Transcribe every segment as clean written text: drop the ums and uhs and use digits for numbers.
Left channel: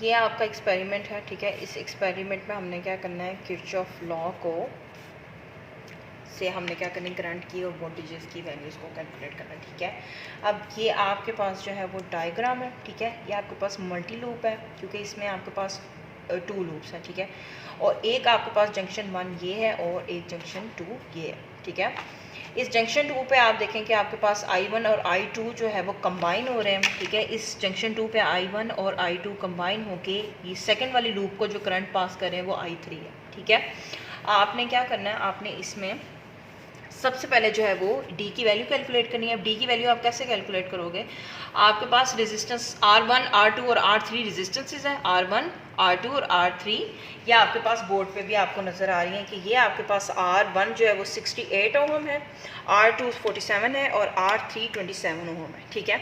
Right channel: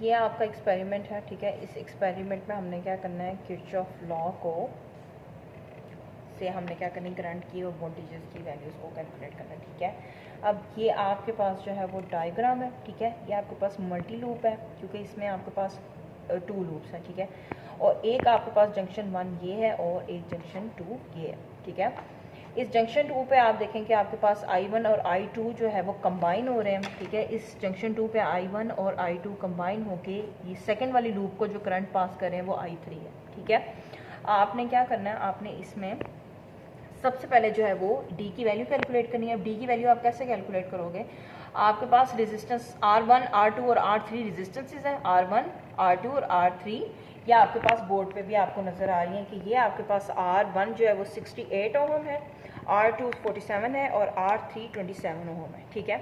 ये आपका एक्सपेरिमेंट है, ठीक है। इस एक्सपेरिमेंट में हमने क्या करना है, किरचॉफ लॉ को से हमने क्या करनी, करंट की और वोल्टेजेस की वैल्यूज़ को कैलकुलेट करना है, ठीक है। अब ये आपके पास जो है वो डायग्राम है, ठीक है। ये आपके पास मल्टी लूप है क्योंकि इसमें आपके पास 2 लूप्स हैं, ठीक है। और एक आपके पास जंक्शन 1 ये है और एक जंक्शन 2 ये है, ठीक है। इस जंक्शन 2 पे आप देखें कि आपके पास I1 और I2 जो है वो कंबाइन हो रहे हैं, ठीक है। इस जंक्शन 2 पे I1 और I2 कंबाइन होके ये सेकंड वाली लूप को जो करंट पास कर रहे हैं वो I3 है, ठीक है। आपने क्या करना है, आपने इसमें सबसे पहले जो है वो D की वैल्यू कैलकुलेट करनी है। अब D की वैल्यू आप कैसे कैलकुलेट करोगे, आपके पास रेजिस्टेंस R1 R2 और R3 रेजिस्टेंसेस हैं, R1 R2 और R3। या आपके पास बोर्ड पे भी आपको नज़र आ रही है कि ये आपके पास R1 जो है वो 68 ओम है, R2 47 है और R3 27 ओम है, ठीक है।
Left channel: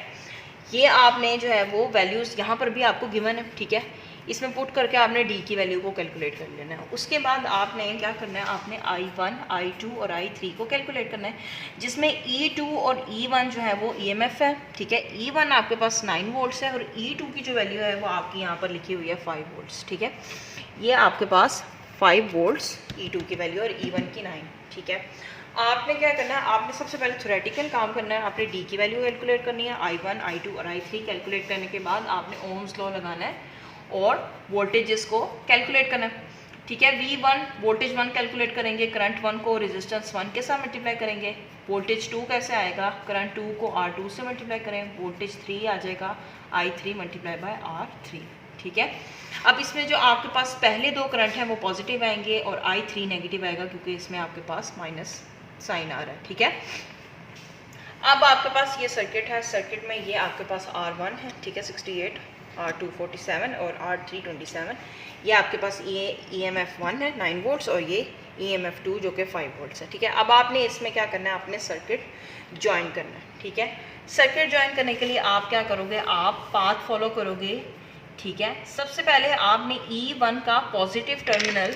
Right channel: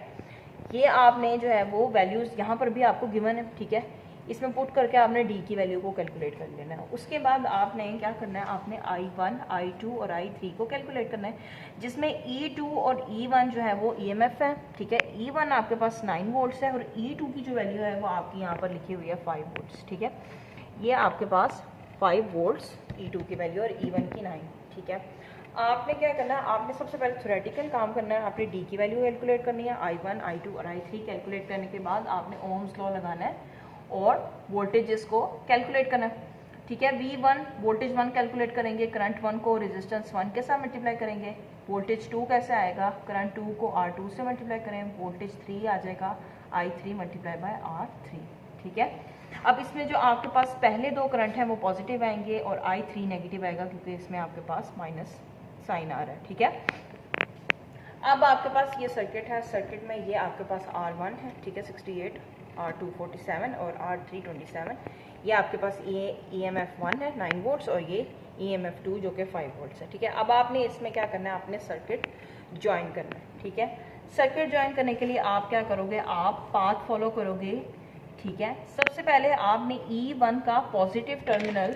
ये आपने जो है वो वैल्यूज़ यहाँ पर भी आपको गिवन है, ठीक है। इसमें पुट करके आपने D की वैल्यू को कैलकुलेट कर लेना है। उसके बाद आपने क्या करना है, आपने I1 I2 और I3 को कैलकुलेट करना है, जिसमें E2 और E1 जो है वो EMF है, ठीक है। E1 आपके पास 9 वोल्ट्स है और E2 की जो वैल्यू है वो आपकी यहाँ पर लिखी हुई है 5 वोल्ट्स, ठीक है। ये आपके पास 5 वोल्ट्स E2 की वैल्यू और E1 की 9, ठीक है। आपने क्या करना है, आपने सबसे पहले थ्योरेटिकल काम करना है। आपने D की वैल्यू कैलकुलेट करनी है, I1 I2 और I3 कैलकुलेट करने के बाद आपने ओम्स लॉ लगाना है और वोल्टेजेस को कैलकुलेट करना है, ठीक है। V1 वोल्टेज 1 कैलकुलेट करेंगे, करंट 1 को रेजिस्टेंस 1 के साथ मल्टीप्लाई करेंगे। वोल्टेज 2 कैसे आएगा, करंट 2 को R2 से मल्टीप्लाई करें, वोल्टेज 3 आ जाएगा I3 मल्टीप्लाई बाय R3, ठीक है। अब इसमें जो आपके पास पहले 2 करंट हैं वो पॉजिटिव आएंगे और I3 नेगेटिव आएगा क्योंकि इसमें आपके पास माइनस साइन आ रहा है, ठीक है। अब आपके पास ये सर्किट है, सर्किट में ये आपके पास R1 है, ठीक है 68, R2 47 और R3 27। ये आपके पास EMF 1 है 9 वोल्ट्स और ये EMF 2 जो कि 5 वोल्ट्स है, ठीक है। अब आपने इसमें क्या करना है, आपने सर्किट ज्वाइन करना है, ठीक है। सर्किट ज्वाइन करने के लिए आप क्या करोगे, आप पाथ फॉलो करोगे, ठीक है। सबसे पहले आपने E1 का पॉजिटिव टर्मिनल,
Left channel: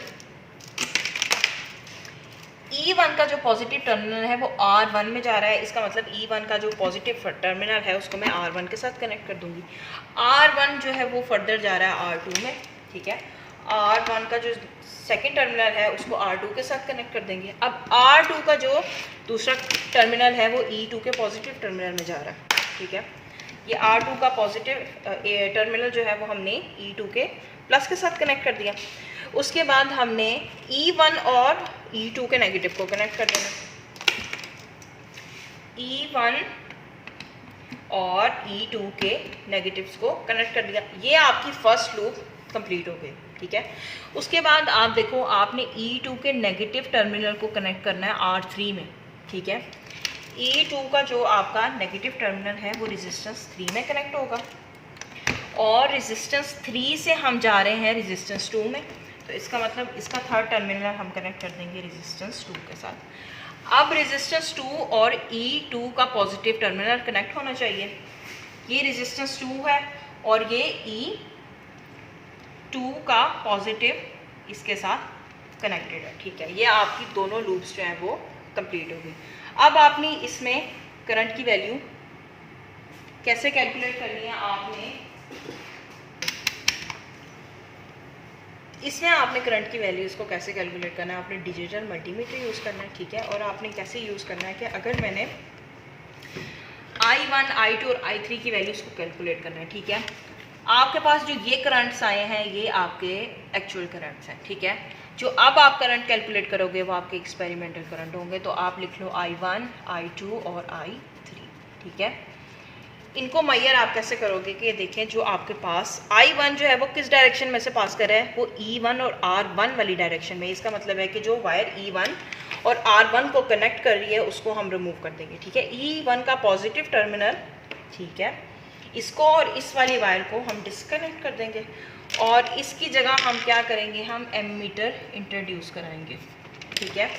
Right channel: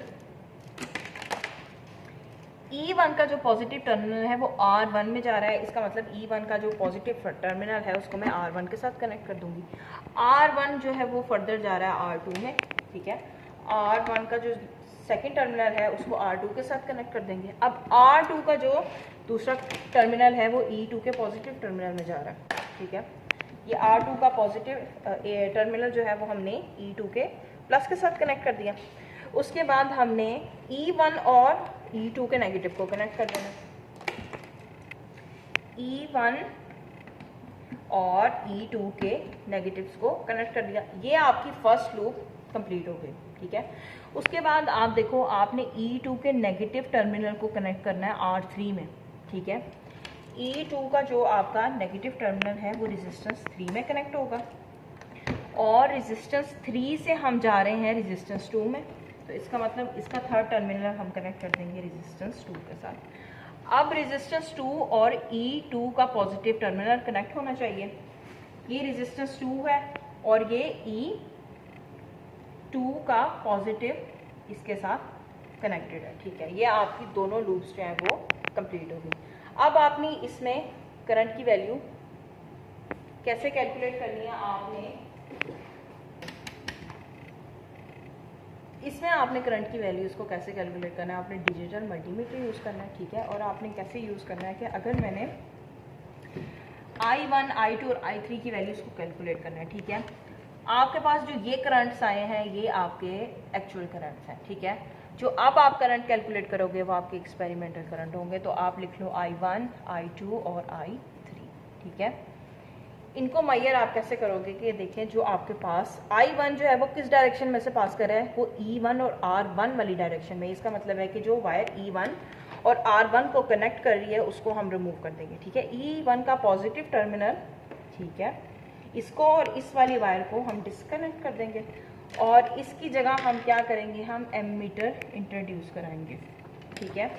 E1 का जो पॉजिटिव टर्मिनल है वो R1 में जा रहा है, इसका मतलब E1 का जो पॉजिटिव टर्मिनल है उसको मैं R1 के साथ कनेक्ट कर दूंगी। R1 जो है वो फर्दर जा रहा है R2 में, ठीक है। R1 का जो सेकेंड टर्मिनल है उसको R2 के साथ कनेक्ट कर देंगे। अब R2 का जो दूसरा टर्मिनल है वो E2 के पॉजिटिव टर्मिनल में जा रहा है, ठीक है। ये R2 का पॉजिटिव टर्मिनल जो है वो हमने E2 के प्लस के साथ कनेक्ट कर दिया। उसके बाद हमने E1 और E2 के नेगेटिव को कनेक्ट कर देना, E1 और E2 के नेगेटिव्स को कनेक्ट कर दिया। ये आपकी फर्स्ट लूप कंप्लीट हो गई, ठीक है। उसके बाद आप देखो, आपने E2 के नेगेटिव टर्मिनल को कनेक्ट करना है R3 में, ठीक है। E2 का जो आपका नेगेटिव टर्मिनल है वो रेजिस्टेंस 3 में कनेक्ट होगा और रेजिस्टेंस 3 से हम जा रहे हैं रेजिस्टेंस 2 में, तो इसका मतलब इसका थर्ड टर्मिनल हम कनेक्ट कर देंगे रेजिस्टेंस 2 के साथ। अब रेजिस्टेंस 2 और E2 का पॉजिटिव टर्मिनल कनेक्ट होना चाहिए। ये रेजिस्टेंस 2 है और ये E2 का पॉजिटिव इसके साथ कनेक्टेड है, ठीक है। ये आपकी दोनों लूप्स जो हैं वो कंप्लीट हो गई। अब आपने इसमें करंट की वैल्यू कैसे कैलकुलेट करनी है, इसमें आपने करंट की वैल्यूज़ को कैसे कैलकुलेट करना है, आपने डिजिटल मल्टीमीटर यूज़ करना है, ठीक है। और आपने कैसे यूज़ करना है कि अगर मैंने I1 I2 और I3 की वैल्यूज़ को कैलकुलेट करना है, ठीक है। आपके पास जो ये करंट्स आए हैं ये आपके एक्चुअल करंट्स हैं, ठीक है। जो अब आप करंट कैलकुलेट करोगे वो आपके एक्सपेरिमेंटल करंट होंगे, तो आप लिख लो I1 I2 और I3, ठीक है। इनको मैयर आप कैसे करोगे कि देखें, जो आपके पास I1 जो है वो किस डायरेक्शन में से पास कर रहा है, वो E1 और R1 वाली डायरेक्शन में। इसका मतलब है कि जो वायर E1 और R1 को कनेक्ट कर रही है उसको हम रिमूव कर देंगे, ठीक है। E1 का पॉजिटिव टर्मिनल, ठीक है, इसको और इस वाली वायर को हम डिस्कनेक्ट कर देंगे और इसकी जगह हम क्या करेंगे, हम एमीटर इंट्रोड्यूस कराएंगे, ठीक है।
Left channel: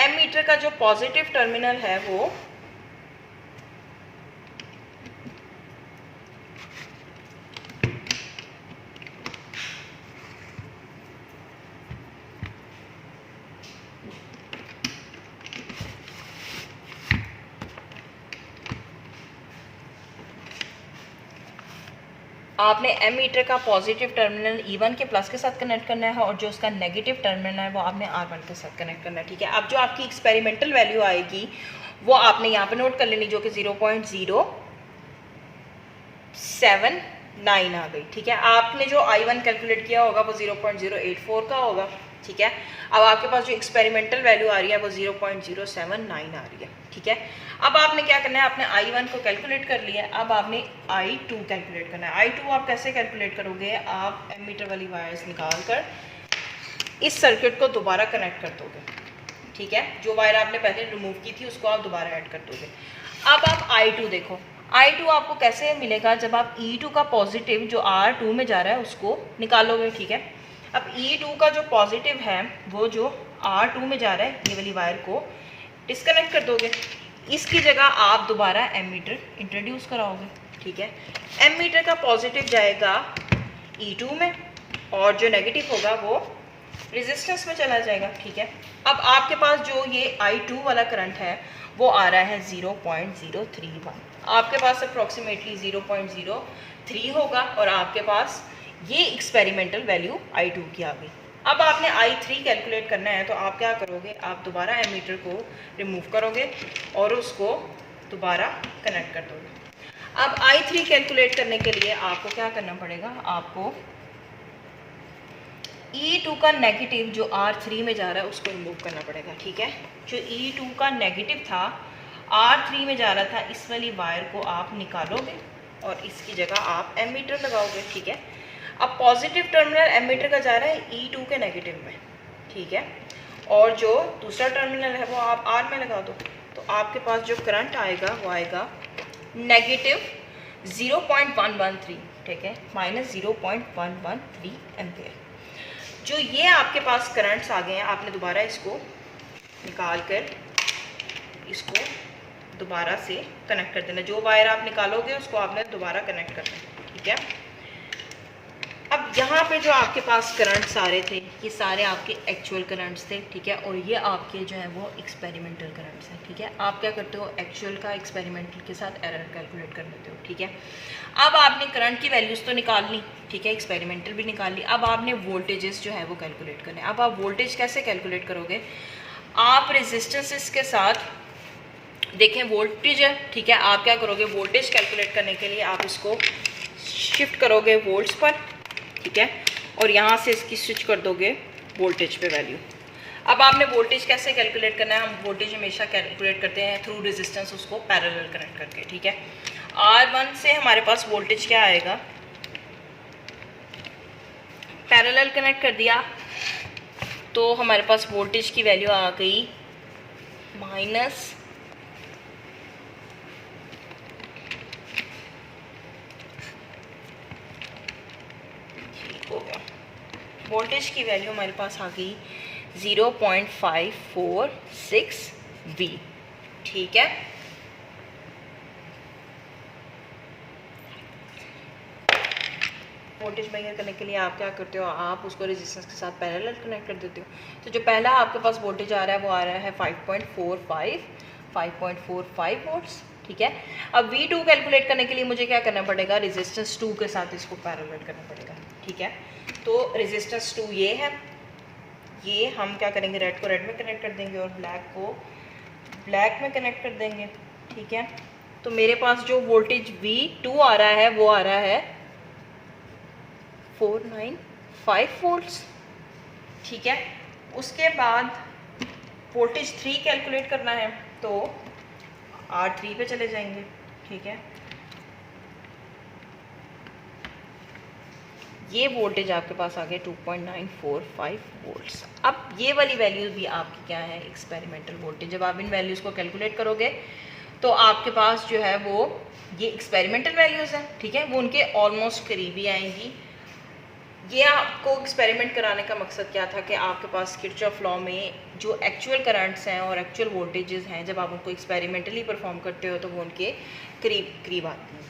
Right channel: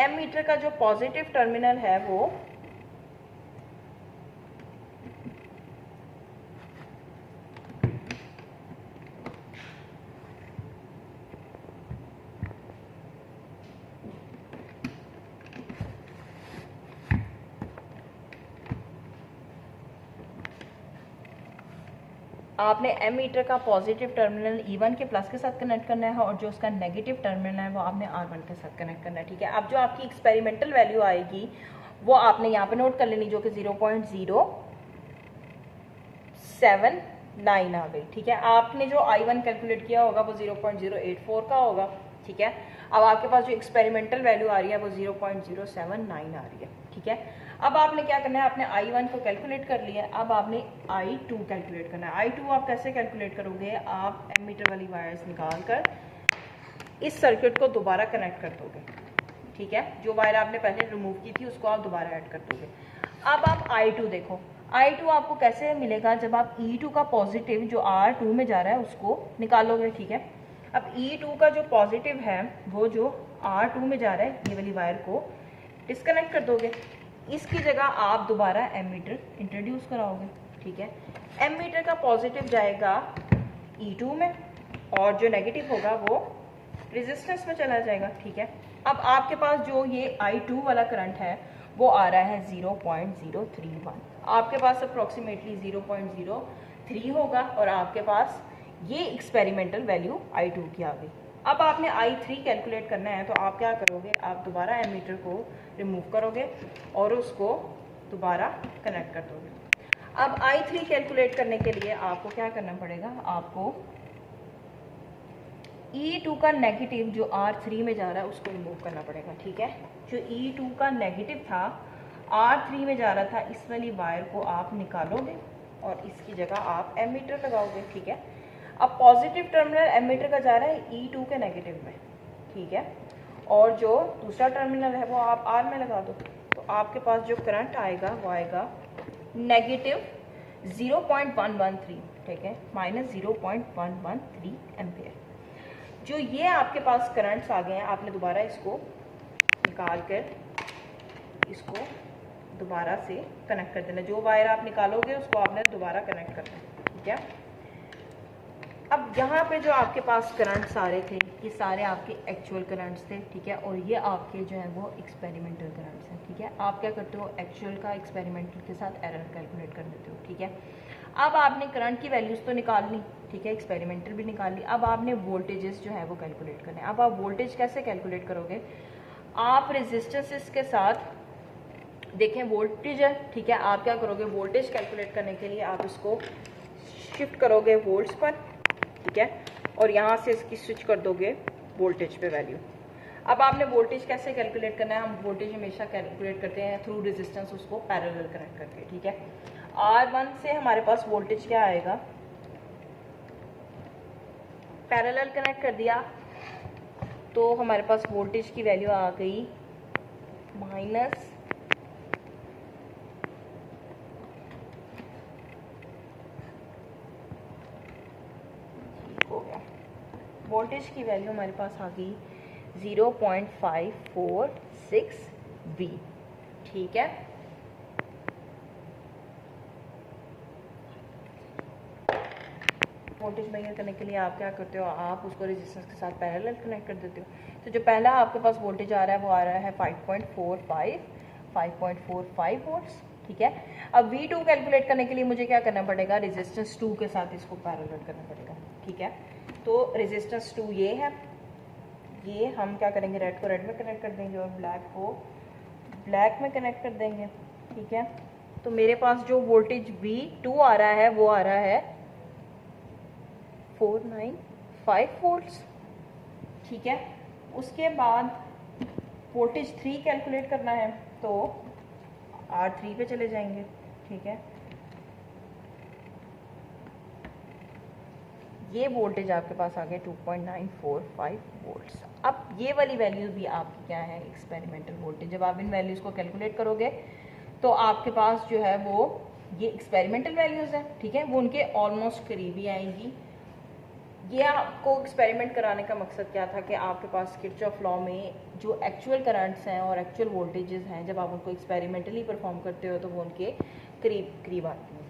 एमीटर का जो पॉजिटिव टर्मिनल है वो आपने एमीटर का पॉजिटिव टर्मिनल E1 के प्लस के साथ कनेक्ट करना है और जो उसका नेगेटिव टर्मिनल है वो आपने R1 के साथ कनेक्ट करना है, ठीक है। अब जो आपकी एक्सपेरिमेंटल वैल्यू आएगी वो आपने यहाँ पे नोट कर लेनी, जो कि 0.079 आ गई, ठीक है। आपने जो I1 कैलकुलेट किया होगा वो 0.084 का होगा, ठीक है। अब आपके पास जो एक्सपेरिमेंटल वैल्यू आ रही है वो 0.079 आ रही है, ठीक है। अब आपने क्या करना है, आपने I1 को कैलकुलेट कर लिया है, अब आपने I2 कैलकुलेट करना है। I2 आप कैसे कैलकुलेट करोगे, आप एमीटर वाली वायर्स निकाल कर इस सर्किट को दोबारा कनेक्ट कर दोगे, ठीक है। जो वायर आपने पहले रिमूव की थी उसको आप दोबारा ऐड कर दोगे। अब आप I2 देखो, I2 आपको कैसे मिलेगा, जब आप E2 का पॉजिटिव जो R2 में जा रहा है उसको निकालोगे, ठीक है। अब E2 का जो पॉजिटिव है वो जो R2 में जा रहा है, ये वाली वायर को डिस्कनेक्ट कर दोगे। इसकी जगह आप दोबारा एमीटर इंट्रोड्यूस कराओगे, ठीक है। एमीटर का पॉजिटिव जाएगा E2 में और जो नेगेटिव होगा वो रेजिस्टेंस में चला जाएगा, ठीक है। अब आपके पास जो ये I2 वाला करंट है वो आ रहा है 0.031, आपके पास अप्रॉक्सीमेटली 0.03 होगा और आपके पास ये एक्सपेरिमेंटल वैल्यू I2 की आ गई। अब आपने I3 कैलकुलेट करना है, तो आप क्या करोगे, आप दोबारा एमीटर को रिमूव करोगे और उसको दोबारा कनेक्ट कर दोगे। अब I3 कैलकुलेट करने के लिए आपको क्या करना पड़ेगा, आपको E2 का नेगेटिव जो R3 में जा रहा है उसको रिमूव करना पड़ेगा, ठीक है। जो E2 का नेगेटिव था R3 में जा रहा था, इस वाली वायर को आप निकालोगे और इसकी जगह आप एमीटर लगाओगे, ठीक है। अब पॉजिटिव टर्मिनल एमीटर का जा रहा है E2 के नेगेटिव में, ठीक है, और जो दूसरा टर्मिनल है वो आप R में लगा दो, तो आपके पास जो करंट आएगा वो आएगा नेगेटिव 0.113, ठीक है, माइनस 0.113 एम्पियर। जो ये आपके पास करंट्स आ गए हैं, आपने दोबारा इसको निकाल कर इसको दोबारा से कनेक्ट कर देना। जो वायर आप निकालोगे उसको आपने दोबारा कनेक्ट करना है, ठीक है। अब यहाँ पे जो आपके पास करंट्स आ रहे थे ये सारे आपके एक्चुअल करंट्स थे, ठीक है, और ये आपके जो है वो एक्सपेरिमेंटल करंट्स हैं, ठीक है। आप क्या करते हो, एक्चुअल का एक्सपेरिमेंटल के साथ एरर कैलकुलेट कर लेते हो, ठीक है। अब आपने करंट की वैल्यूज़ तो निकाल ली, ठीक है, एक्सपेरिमेंटल भी निकाल ली। अब आपने वोल्टेजेस जो है वो कैलकुलेट करने। अब आप वोल्टेज कैसे कैलकुलेट करोगे, आप रेजिस्टेंसेस के साथ देखें वोल्टेज है, ठीक है। आप क्या करोगे, वोल्टेज कैलकुलेट करने के लिए आप इसको शिफ्ट करोगे वोल्ट्स पर, ठीक है, और यहाँ से इसकी स्विच कर दोगे वोल्टेज पे वैल्यू। अब आपने वोल्टेज कैसे कैलकुलेट करना है, हम वोल्टेज हमेशा कैलकुलेट करते हैं थ्रू रेजिस्टेंस, उसको पैरेलल कनेक्ट करके, ठीक है। R1 से हमारे पास वोल्टेज क्या आएगा, पैरेलल कनेक्ट कर दिया तो हमारे पास वोल्टेज की वैल्यू आ गई माइनस हो गया, वोल्टेज की वैल्यू हमारे पास आ गई 0.546 V, ठीक है। वोल्टेज मेजर करने के लिए आप क्या करते हो, आप उसको रेजिस्टेंस के साथ पैरेलल कनेक्ट कर देते हो। तो जो पहला आपके पास वोल्टेज आ रहा है वो आ रहा है 5.45 वोल्ट्स, ठीक है। अब V2 कैलकुलेट करने के लिए मुझे क्या करना पड़ेगा, रेजिस्टेंस 2 के साथ इसको पैरेलल करना पड़ेगा, ठीक है। तो रेजिस्टेंस 2 ये है, ये हम क्या करेंगे, रेड को रेड में कनेक्ट कर देंगे और ब्लैक को ब्लैक में कनेक्ट कर देंगे, ठीक है। तो मेरे पास जो वोल्टेज V2 आ रहा है वो आ रहा है 495 वोल्ट्स, ठीक है। उसके बाद वोल्टेज 3 कैलकुलेट करना है तो R3 पे चले जाएंगे, ठीक है। ये वोल्टेज आपके पास आ गया 2.945 वोल्ट्स। अब ये वाली वैल्यूज़ भी आपकी क्या है, एक्सपेरिमेंटल वोल्टेज। जब आप इन वैल्यूज़ को कैलकुलेट करोगे तो आपके पास जो है वो ये एक्सपेरिमेंटल वैल्यूज़ हैं, ठीक है, वो उनके ऑलमोस्ट करीबी आएंगी। ये आपको एक्सपेरिमेंट कराने का मकसद क्या था कि आपके पास किरचॉफ लॉ में जो एक्चुअल करंट्स हैं और एक्चुअल वोल्टेजेस हैं, जब आप उनको एक्सपेरिमेंटली परफॉर्म करते हो तो वो उनके करीब करीब आती हैं।